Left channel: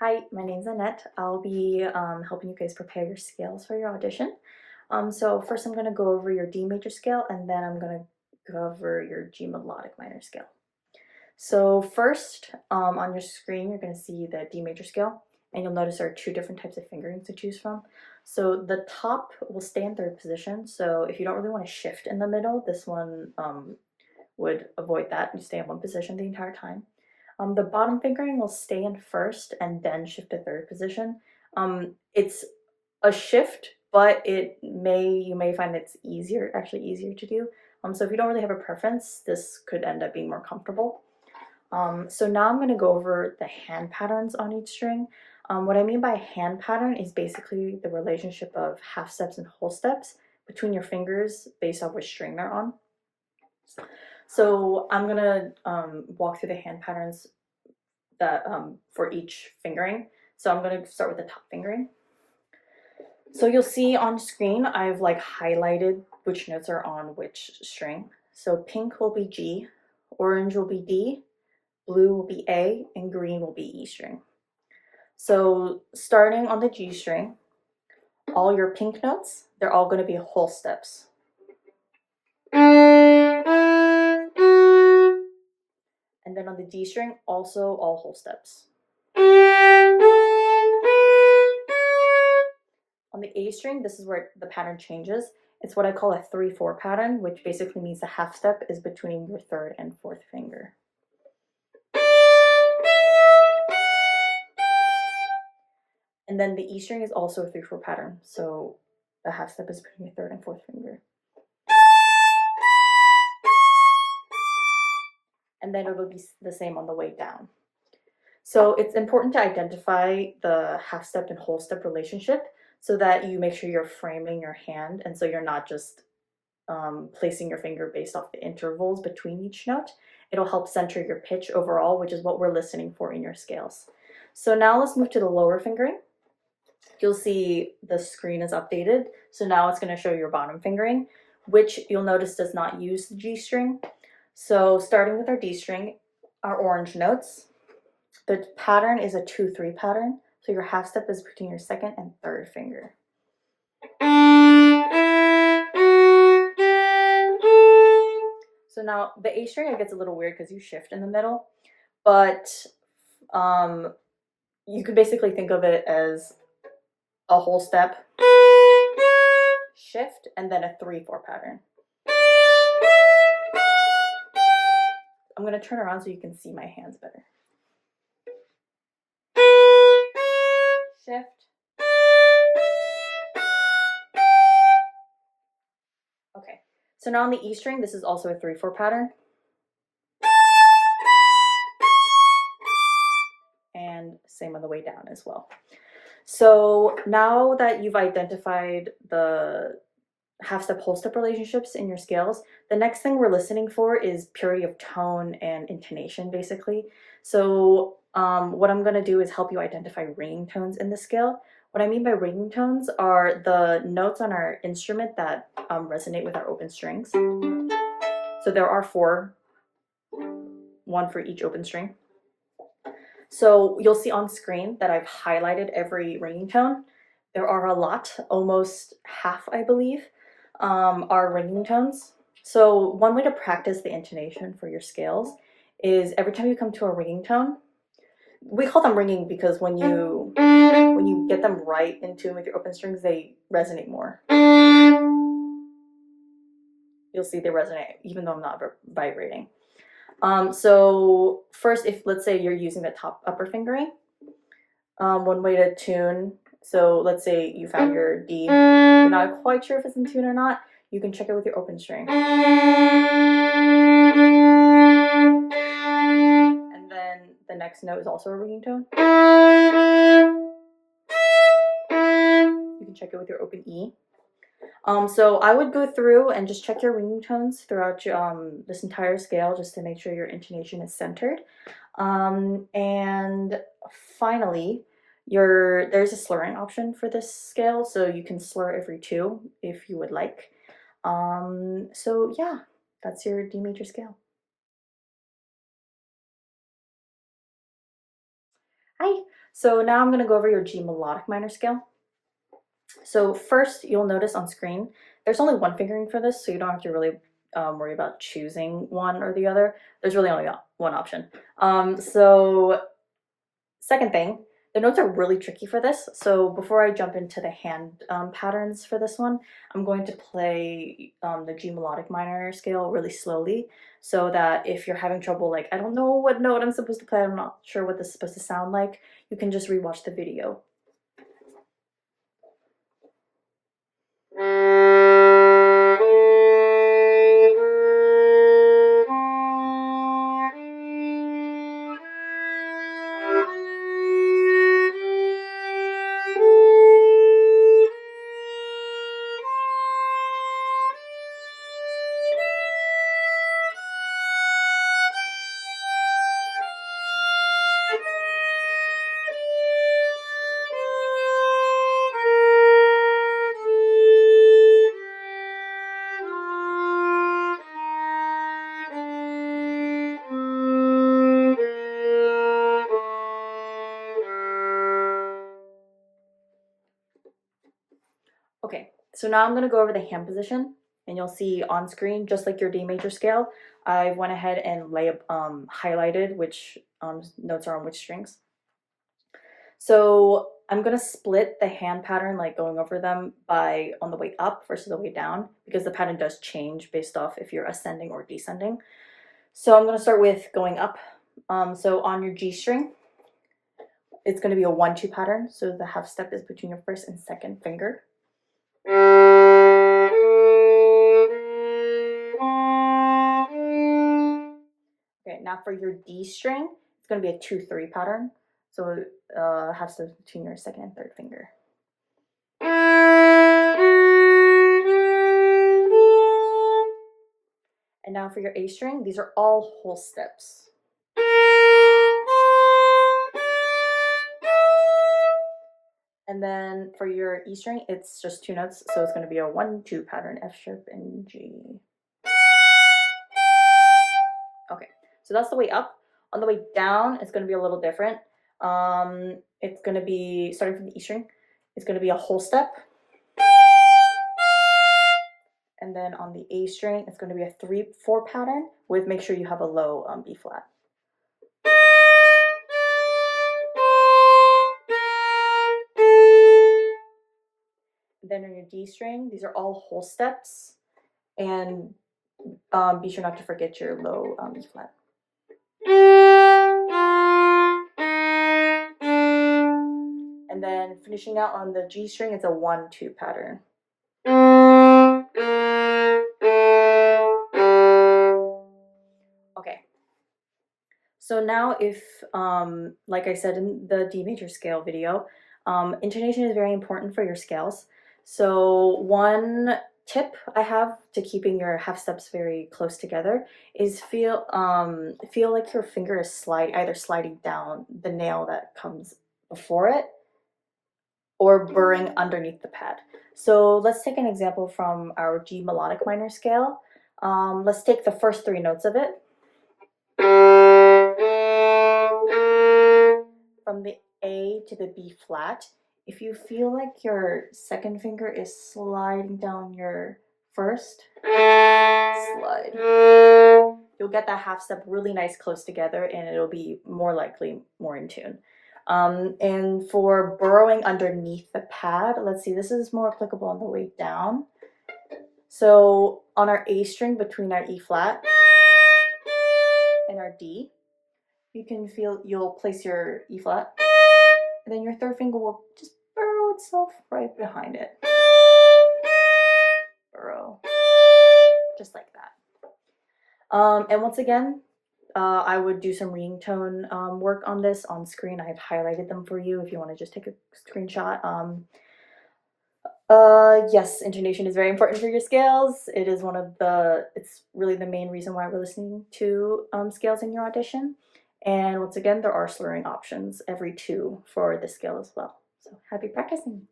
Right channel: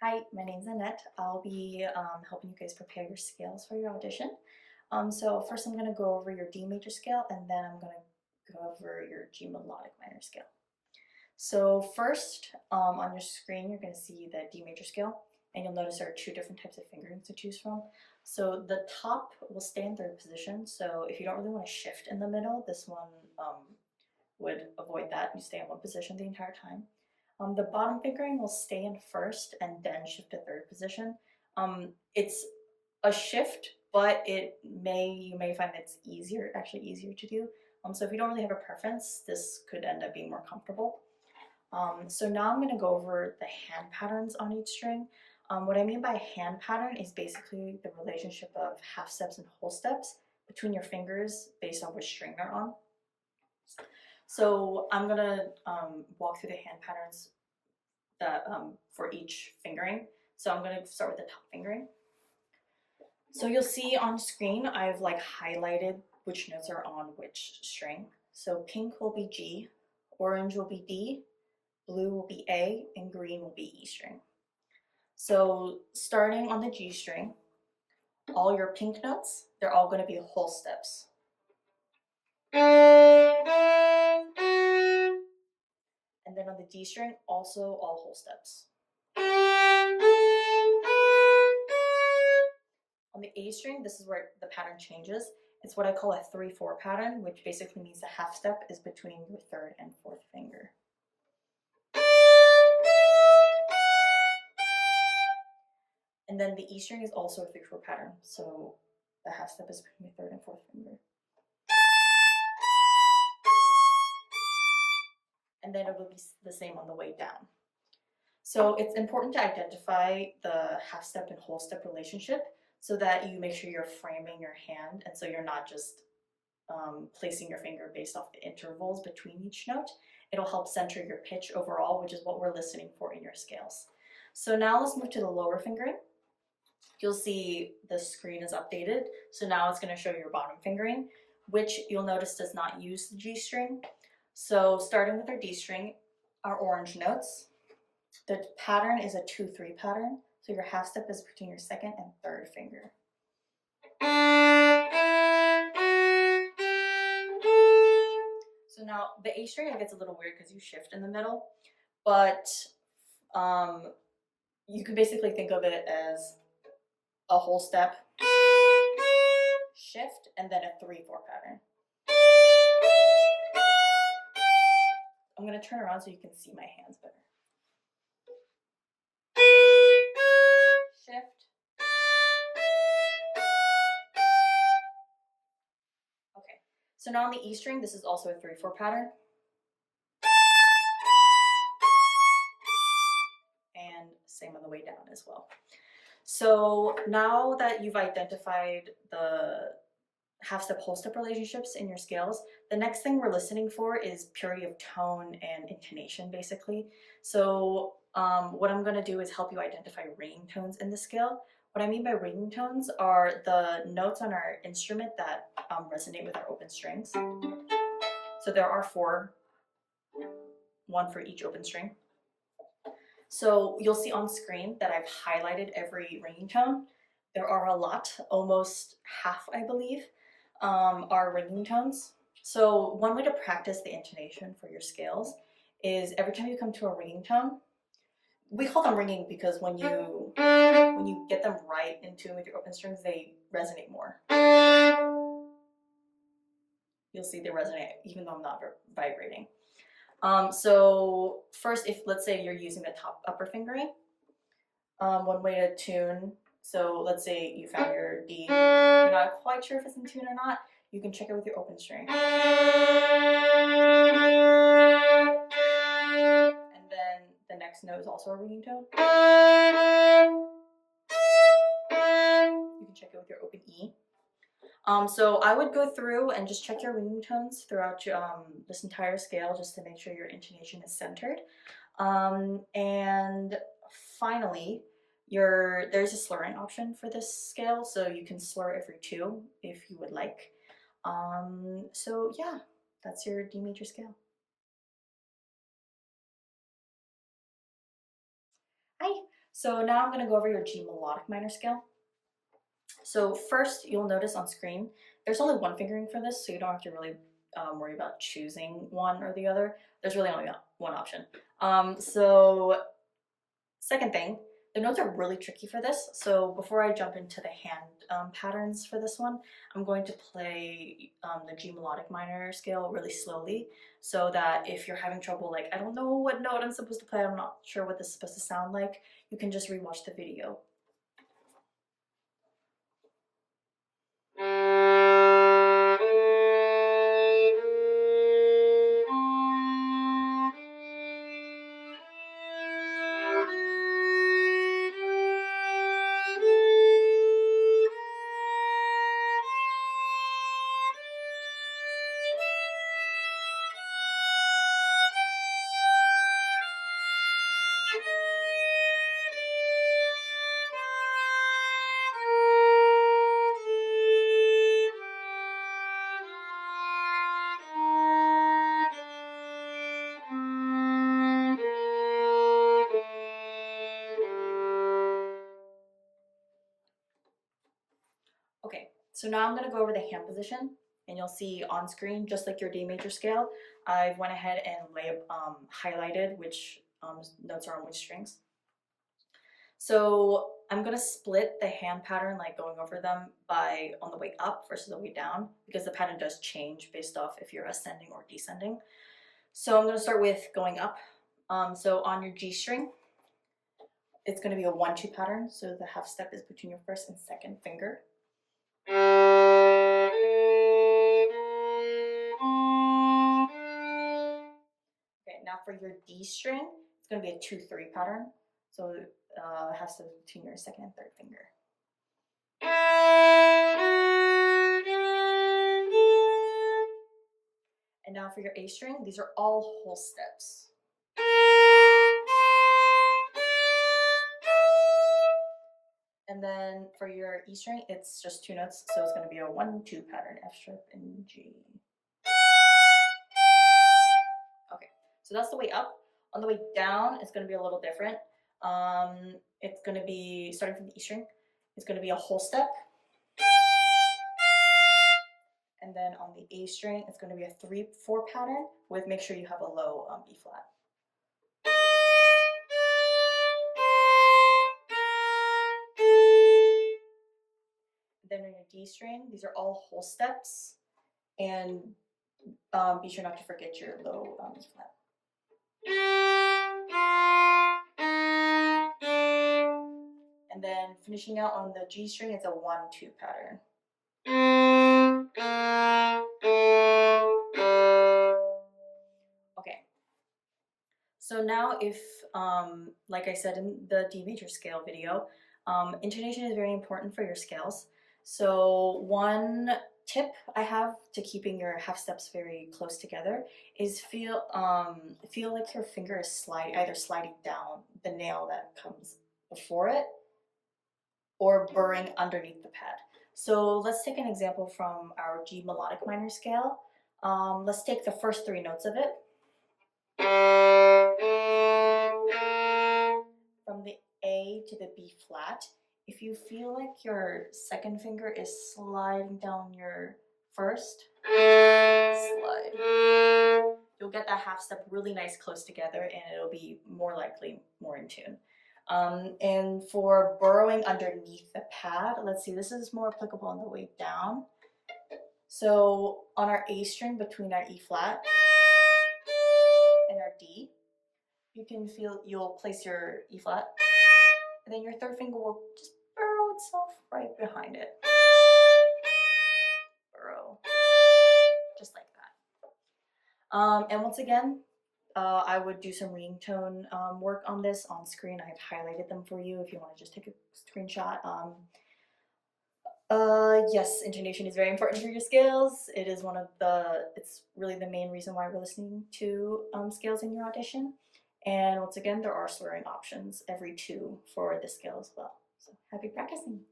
Hi, my name's Annette. I'll be helping you guys prepare your scales for your audition. So first I'm going to go over your D major scale and then I'm going to go over your G melodic minor scale. So first on your screen you're going to see the D major scale and you'll notice there are two different types of fingerings to choose from. So the top will stay in third position, so if you don't really want to shift in the middle, this one would avoid that. You stay in one position the entire time. The bottom fingering will stay in first and then shift to third position. It's a shift, but you may find it's actually easier to do. So if you don't really have a preference, this could end up being more comfortable. So now I'm going to go over the hand patterns on each string. What I mean by hand pattern is basically the relationship of half steps and whole steps between your fingers based off which string they're on. So I'm gonna walk through the hand patterns that for each fingering. So I'm gonna start with the top fingering. So you'll see on screen I've highlighted which notes are on which string. So pink will be G, orange will be D, blue will be A, and green will be E string. So starting on the G string, all your pink notes, they're all going to be whole steps. And then on the D string, also all whole steps. On the A string, this is where the pattern changes. It's what I call a 3-4 pattern, which basically means the half step is between your third and fourth finger. And then the E string is also a 3-4 pattern, so the half step is between your third and fourth finger. And then it'll be the same on the way down. So it's important to identify the half step and whole step relationship so that you make sure you're framing your hand, and so you're not just placing your finger based off the intervals between each note. It'll help center your pitch overall, which is what we're listening for in your scales. So now let's move to the lower fingering. You'll see the screen is updated. So now it's going to show your bottom fingering, which you'll notice does not use the G string. So starting with our D string, our orange notes, the pattern is a 2-3 pattern. So your half step is between your second and third finger. So now the A string, it gets a little weird because you shift in the middle, but you could basically think of it as a whole step, shift, and then a 3-4 pattern. I'm going to turn around so you can see my hands better. Shift. Okay, so now on the E string, this is also a 3-4 pattern. And same on the way down as well. So now that you've identified the half step, whole step relationships in your scales, the next thing we're listening for is purity of tone and intonation, basically. So what I'm going to do is help you identify ringing tones in the scale. What I mean by ringing tones are the notes on our instrument that resonate with our open strings. So there are 4, 1 for each open string. So you'll see on screen that I've highlighted every ringing tone. There are a lot, almost half, I believe, are ringing tones. So one way to practice the intonation for your scales is every time you come to a ringing tone, we call them ringing because when you get them right in tune with your open strings, they resonate more. You'll see they resonate even though I'm not vibrating. So first, if let's say you're using the upper fingering, one way to tune, so let's say you found your D, you're not quite sure if it's in tune or not, you can check it with your open string. And then the next note is also a ringing tone. You can check it with your open E. So I would go through and just check your ringing tones throughout your, this entire scale just to make sure your intonation is centered. And finally, there's a slurring option for this scale, so you can slur every 2 if you would like. So yeah, that's your D major scale. Hi. So now I'm going to go over your G melodic minor scale. So first, you'll notice on screen, there's only one fingering for this, so you don't have to really worry about choosing one or the other. There's really only one option. So second thing, the notes are really tricky for this. So before I jump into the hand patterns for this one, I'm going to play the G melodic minor scale really slowly so that if you're having trouble, like, I don't know what note I'm supposed to play, I'm not sure what this is supposed to sound like, you can just rewatch the video. Okay, so now I'm going to go over the hand position, and you'll see on screen, just like your D major scale, I went ahead and highlighted which notes are on which strings. So I'm going to split the hand pattern, like going over them by on the way up versus the way down, because the pattern does change based off if you're ascending or descending. So I'm going to start with going up. So on your G string, it's going to be a 1-2 pattern. So the half step is between your first and second finger. Okay, now for your D string, it's going to be a 2-3 pattern. So half step between your second and third finger. And now for your A string, these are all whole steps. And then for your E string, it's just 2 notes, so it's going to be a 1-2 pattern, F sharp and G. Okay, so that's the way up. On the way down, it's going to be a little different. It's going to be, starting from the E string, it's going to be a whole step. And then on the A string, it's going to be a 3-4 pattern with, make sure you have a low B flat. Then on your D string, these are all whole steps, and be sure not to forget your low B flat. And then finishing out on the G string, it's a 1-2 pattern. Okay. So now if, like I said in the D major scale video, intonation is very important for your scales. So one tip I have to keeping your half steps very close together is feel like your finger is either sliding down the nail that comes before it or burring underneath the pad. So let's take an example from our G melodic minor scale. Let's take the first 3 notes of it. From the A to the B flat, if you feel like your second finger is sliding down your first, slide. You'll get that half step really nice close together, and it'll be more likely more in tune. And for burrowing underneath the pad, let's see, this is more applicable on the way down. So on our A string between our E flat and our D, you can feel, you'll place your E flat, and then your third finger will just burrow itself right behind it. Burrow. Just like that. And once again, I would do some ringtone work on this on screen. I've highlighted them for you if you want to just take a screenshot. Yes, intonation is very important for your scales. It is it's really the main reason why we're listening to scales in your audition. And once again, there are slurring options, every 2 for the scale as well. So happy practicing.